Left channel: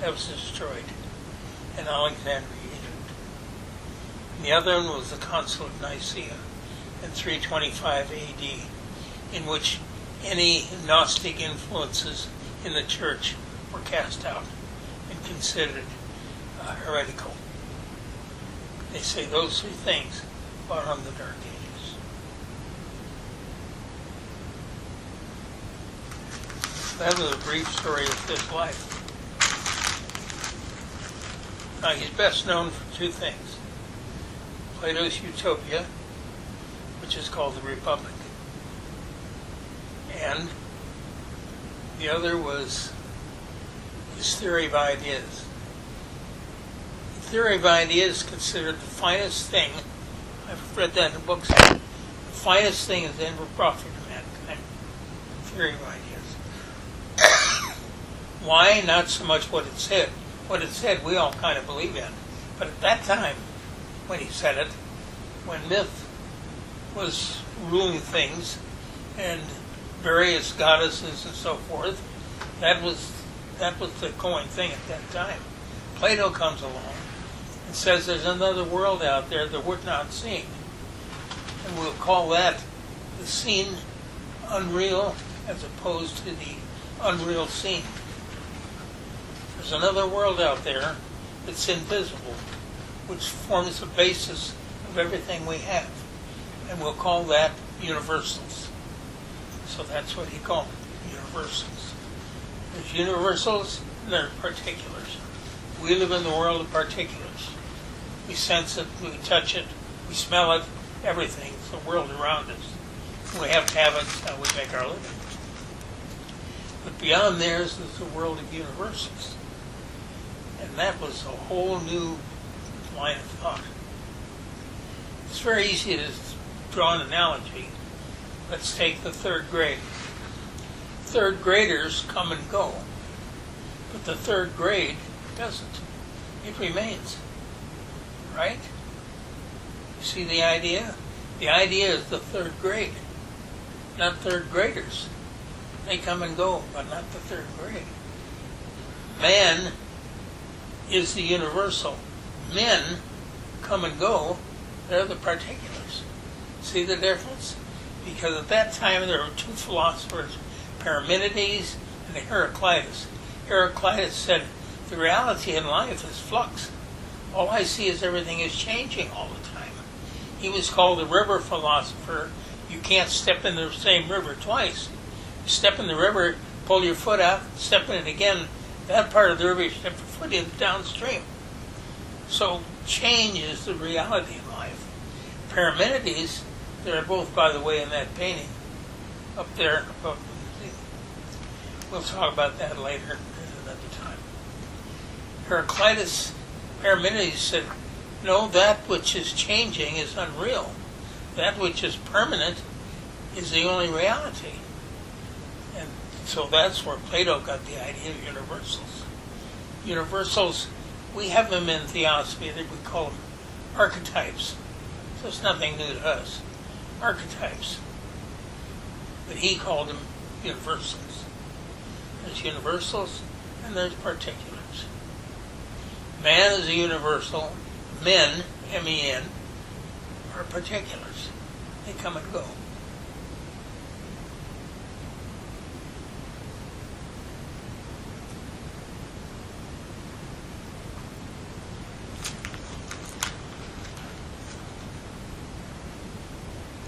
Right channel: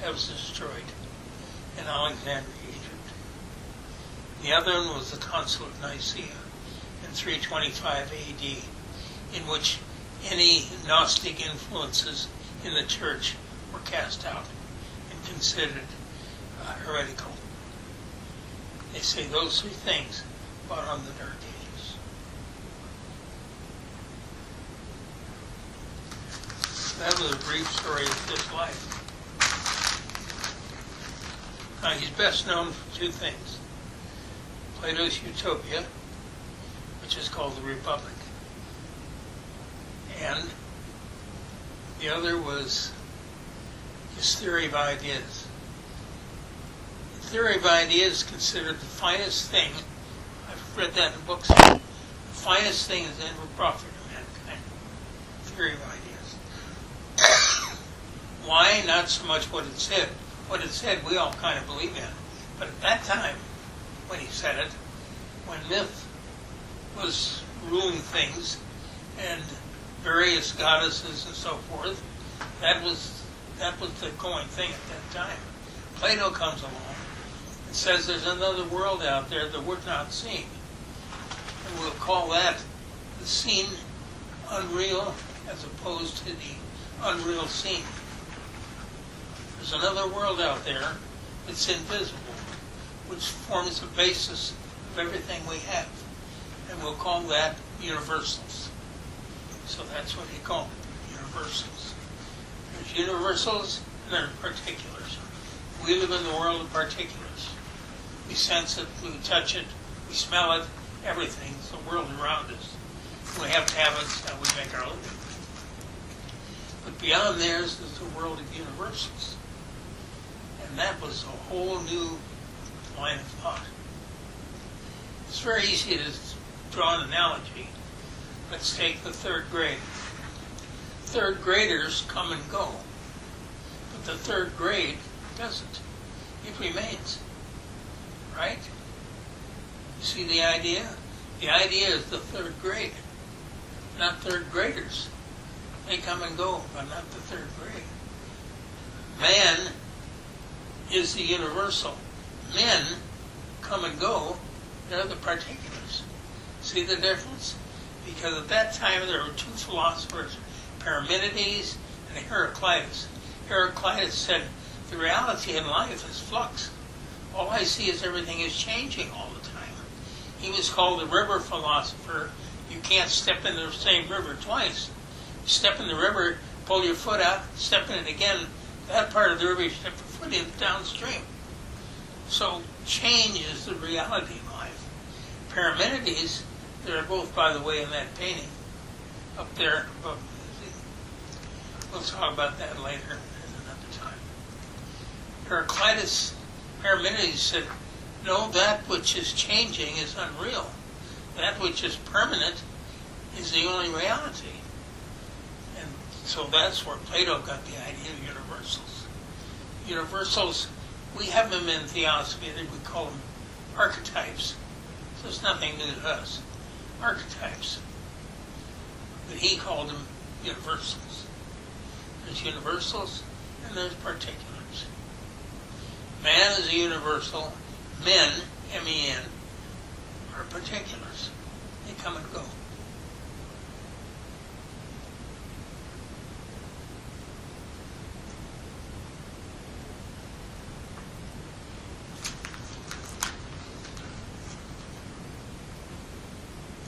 that was destroyed in Alexandria, Egypt. And the other one was the Council of Nicaea in 325 AD, in which any Gnostic influences in the church were cast out and considered heretical. They say those three things brought on the Dark Ages. That was a brief story of his life. Now, he's best known for two things. Plato's Utopia, which is called the Republic, and the other was his theory of ideas. The theory of ideas is considered the finest thing. I've read that in books. The finest thing that's ever brought from mankind. Theory of ideas. Why? Not so much what it said. What it said we all kind of believe in. But at that time, when he said it, when myth was ruling things and various goddesses and so forth, that was the going thing at that time. Plato comes along and says there's another world out there that we're not seeing. And we'll call that the seen unreal as opposed to the unreal seen. There's another world out there that's invisible, which forms the basis of everything we have. And we'll call that universals. So that's what he called it, universals. There's universals and there's particulars. We live in the world of particulars. We sense it, we touch it, we smell it, everything. It's the world around us. We have habits and we make our living. But beyond theirs is the world of universals. And that was a whole new line of thought. It's very easy to draw an analogy. Let's take the third grade. Third graders come and go, but the third grade doesn't. It remains. Right? You see the idea? The idea is the third grade, not third graders. They come and go, but not the third grade. Man is the universal. Men come and go, they're the particulars. See the difference? Because at that time there were two philosophers, Parmenides and Heraclitus. Heraclitus said, the reality in life is flux. All I see is everything is changing all the time. He was called the river philosopher. You can't step in the same river twice. Step in the river, pull your foot out, step in it again. That part of the river, you step your foot in downstream. So change is the reality in life. Parmenides, they're both, by the way, in that painting up there. We'll talk about that later at another time. Parmenides said, no, that which is changing is unreal. That which is permanent is the only reality. And so that's where Plato got the idea of universals. Universals, we have them in theosophy, we call them archetypes. So it's nothing new to us. Archetypes. But he called them universals. There's universals and there's particulars. Man is a universal. Men, M-E-N, are particulars. They come and go.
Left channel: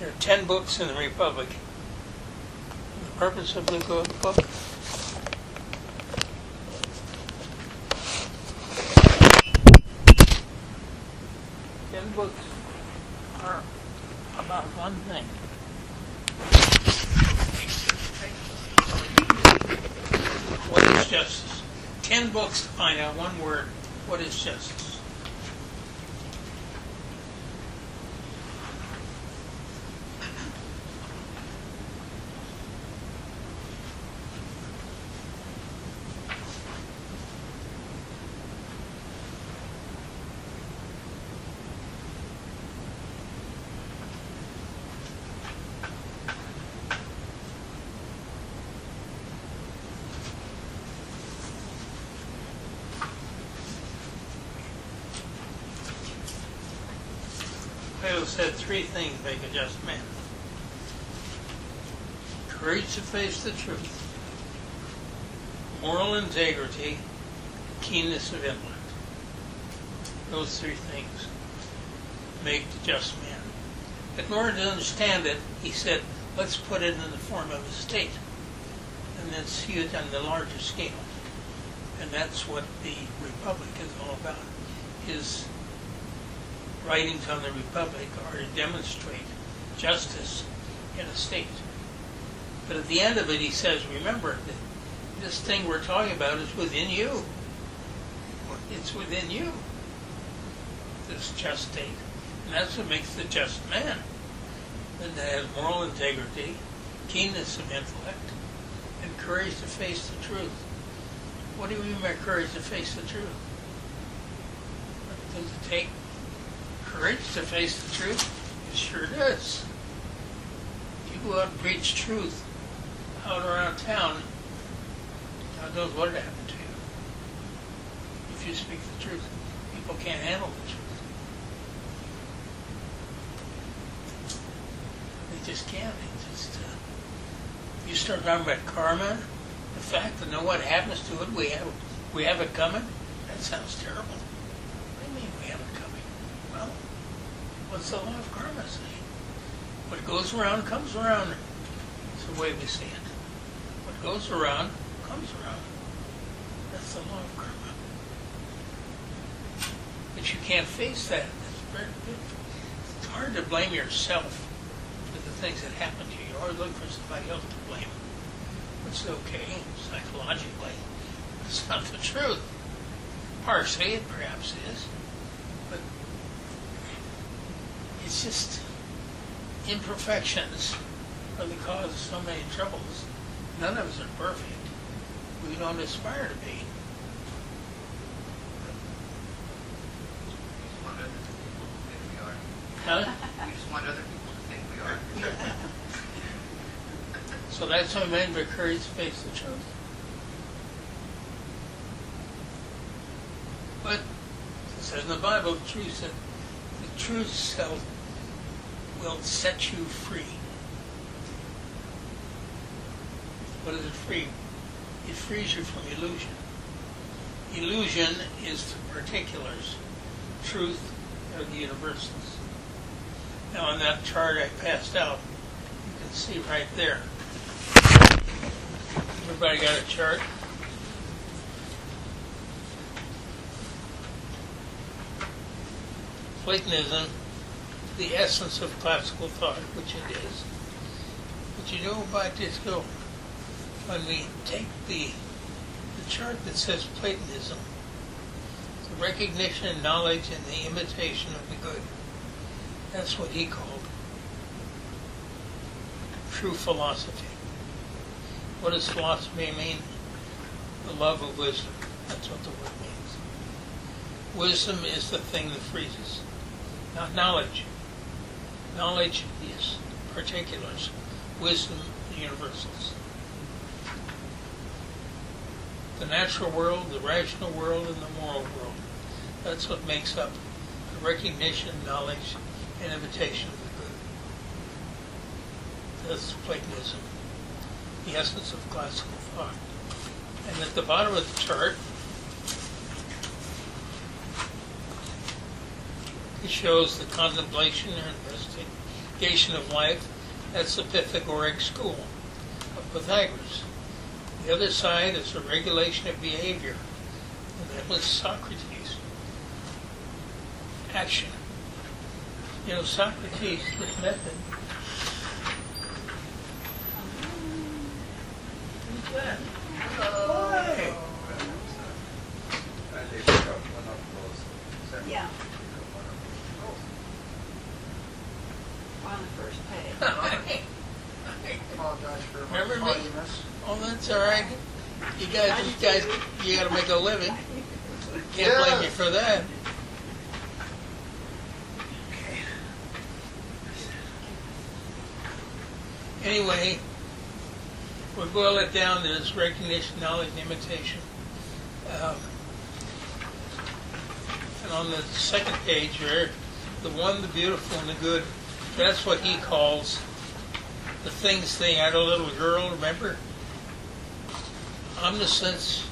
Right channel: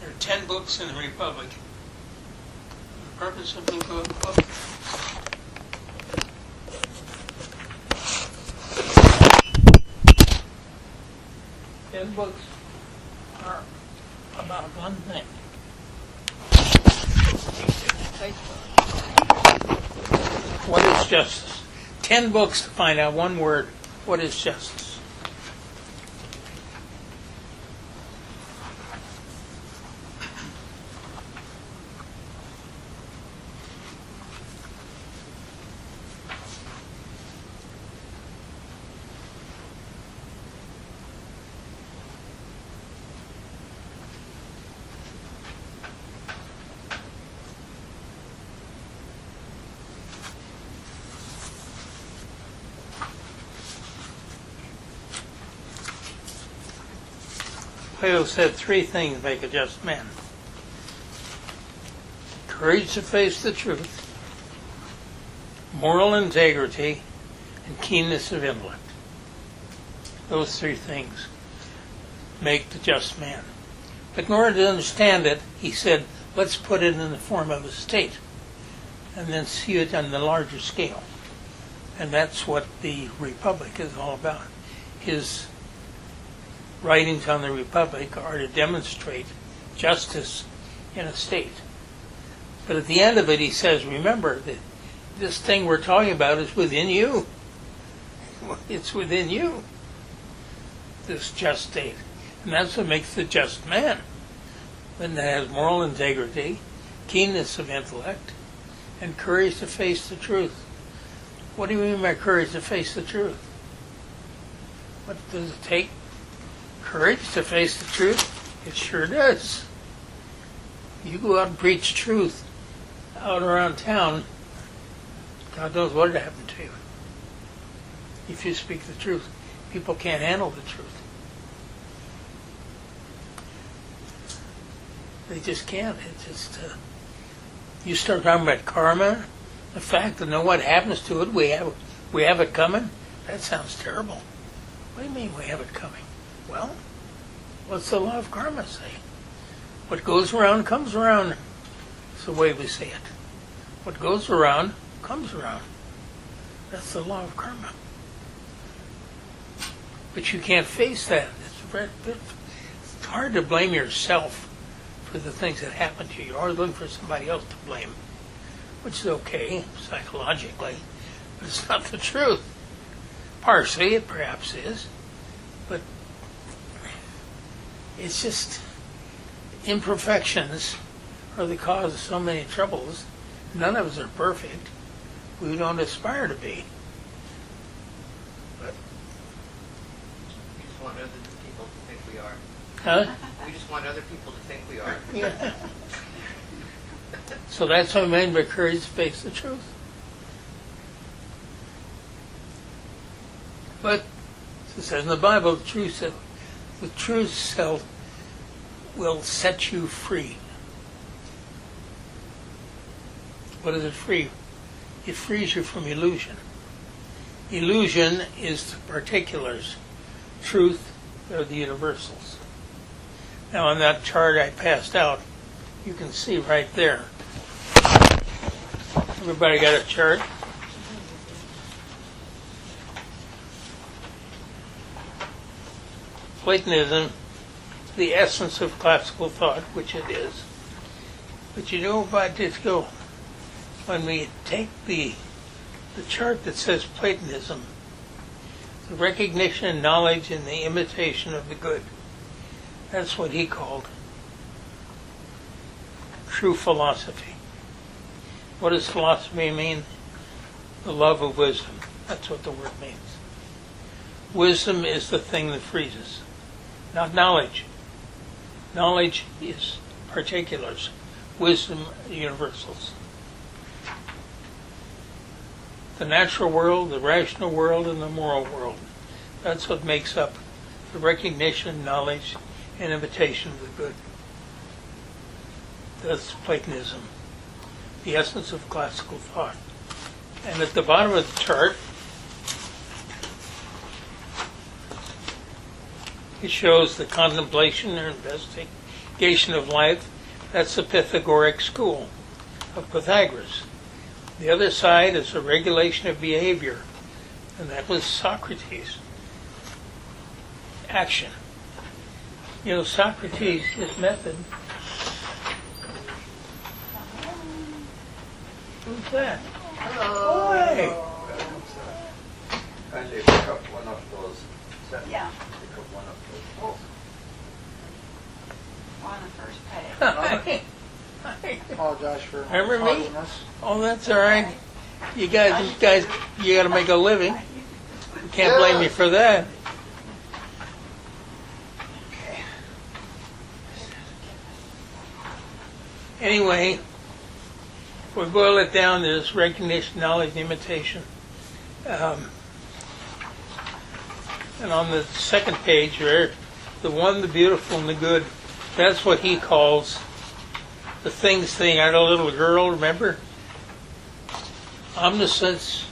There are 10 books in the Republic. The purpose of the book? 10 books are about one thing. What is justice? 10 books to find out one word. What is justice? Plato said 3 things make a just man: courage to face the truth, moral integrity, and keenness of intellect. Those 3 things make the just man. But in order to understand it, he said, let's put it in the form of a state, and then see it on the larger scale. And that's what the Republic is all about. His writings on the Republic are to demonstrate justice in a state. But at the end of it, he says, remember, that this thing we're talking about is within you. It's within you, this just state. And that's what makes the just man. And that has moral integrity, keenness of intellect, and courage to face the truth. What do you mean by courage to face the truth? What does it take? Courage to face the truth? It sure does. You go out and preach truth out around town, God knows what would happen to you. If you speak the truth, people can't handle the truth. They just can't. It just you start talking about karma, the fact that know what happens to it. We have it coming. That sounds terrible. What do you mean we have it coming? Well, what's the law of karma say? What goes around comes around. It's the way we say it. What goes around comes around. That's the law of karma. But you can't face that. It's hard to blame yourself for the things that happen to you. You're always looking for somebody else to blame, which is okay psychologically, but it's not the truth. Partially, it perhaps is, but it's just imperfections are the cause of so many troubles. None of us are perfect. We don't aspire to be. But, we just want other people to think we are. huh? We just want other people to think we are. Yeah. So that's what I mean by courage to face the truth. But it says in the Bible, the truth self will set you free. What is it free? It frees you from illusion. Illusion is the particulars. Truth are the universals. Now on that chart I passed out, you can see right there. Everybody got a chart? Platonism, the essence of classical thought, which it is. But you know what, just go, when we take the chart that says Platonism, the recognition, knowledge, and the imitation of the good, that's what he called true philosophy. What does philosophy mean? The love of wisdom. That's what the word means. Wisdom is the thing that frees us, not knowledge. Knowledge is particulars. Wisdom, universals. The natural world, the rational world, and the moral world. That's what makes up the recognition, knowledge, and imitation of the good. That's Platonism, the essence of classical thought. And at the bottom of the chart, it shows the contemplation or investigation of life. That's the Pythagorean school of Pythagoras. The other side is the regulation of behavior, and that was Socrates. Action. You know, Socrates, his method. Who's that? Hello. Hey. Kindly pick up one of those. Yeah. Pick up one of On the first page. Apologize for Remember me? tardiness. Oh, that's all right. You guys, you got to make a living. Can't blame me for that. Okay. Anyway, if we boil it down, there's recognition, knowledge, and imitation. And on the second page, there, the one, the beautiful, and the good. That's what he calls the things thing. I had a little girl, remember? Omniscience,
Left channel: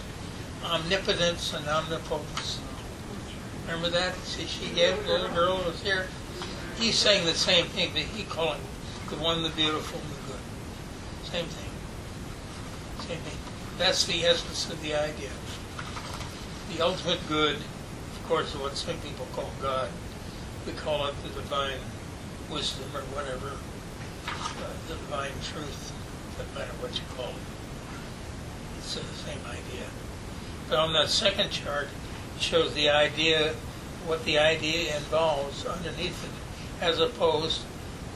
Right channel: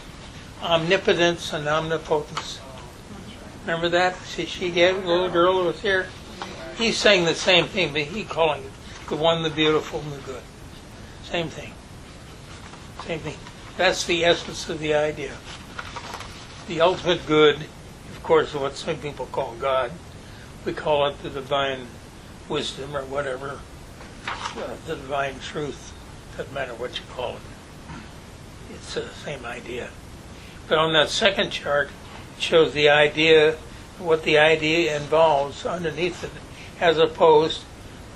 omnipotence, and omnipotence. Remember that? See, she gave a little girl who was here. He's saying the same thing, but he calling the one, the beautiful, and the good. Same thing. Same thing. That's the essence of the idea. The ultimate good, of course, is what some people call God. We call it the divine wisdom or whatever, the divine truth. Doesn't matter what you call it. It's the same idea. But on that second chart, it shows the idea, what the idea involves underneath it, as opposed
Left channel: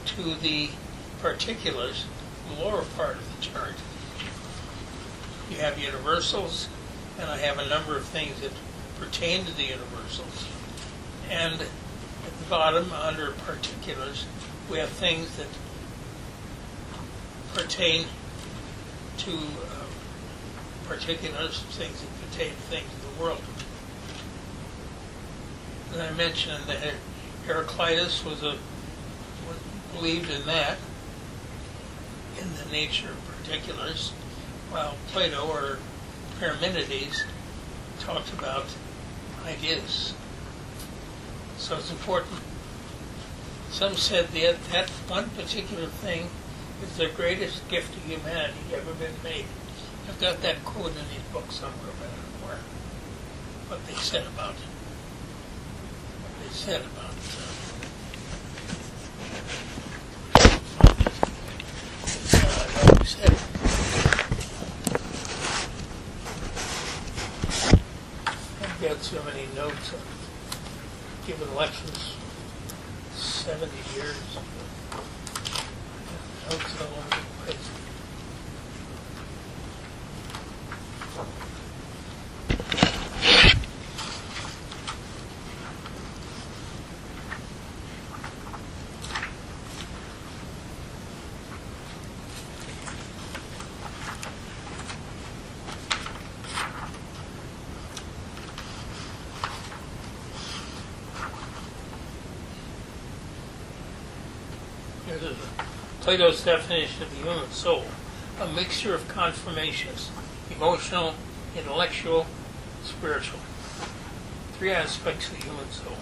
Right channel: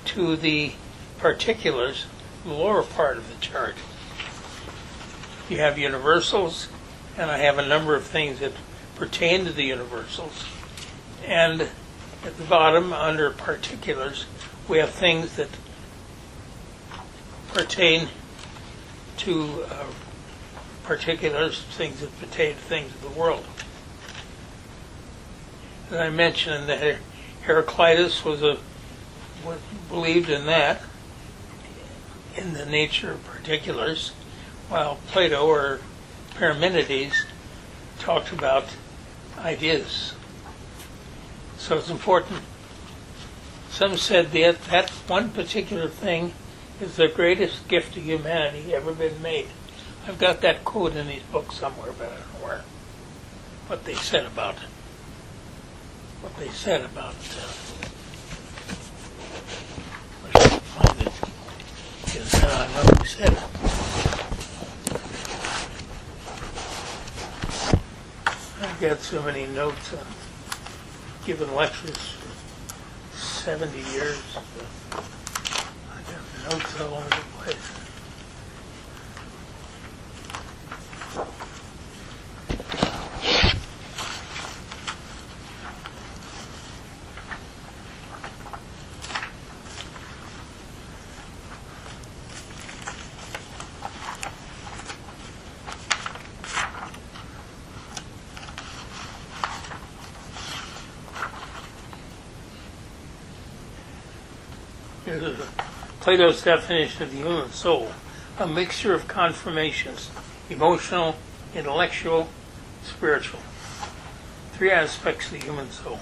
to the particulars, the lower part of the chart. You have universals, and I have a number of things that pertain to the universals. And at the bottom, under particulars, we have things that pertain to particulars, things that pertain to things of the world. And I mentioned that Heraclitus was believed in that, in the nature of particulars, while Plato or Parmenides talked about ideas. So it's important. Some said that one particular thing is the greatest gift to humanity ever been made. I've got that quote in these books somewhere, but I don't know where. What they said about it. What they said about I know who said it. I've got so many notes. I've given lectures 70 years. I got notes all over the place. Plato's definition of the human soul, a mixture of conformations, emotional, intellectual, spiritual. Three aspects of the human soul.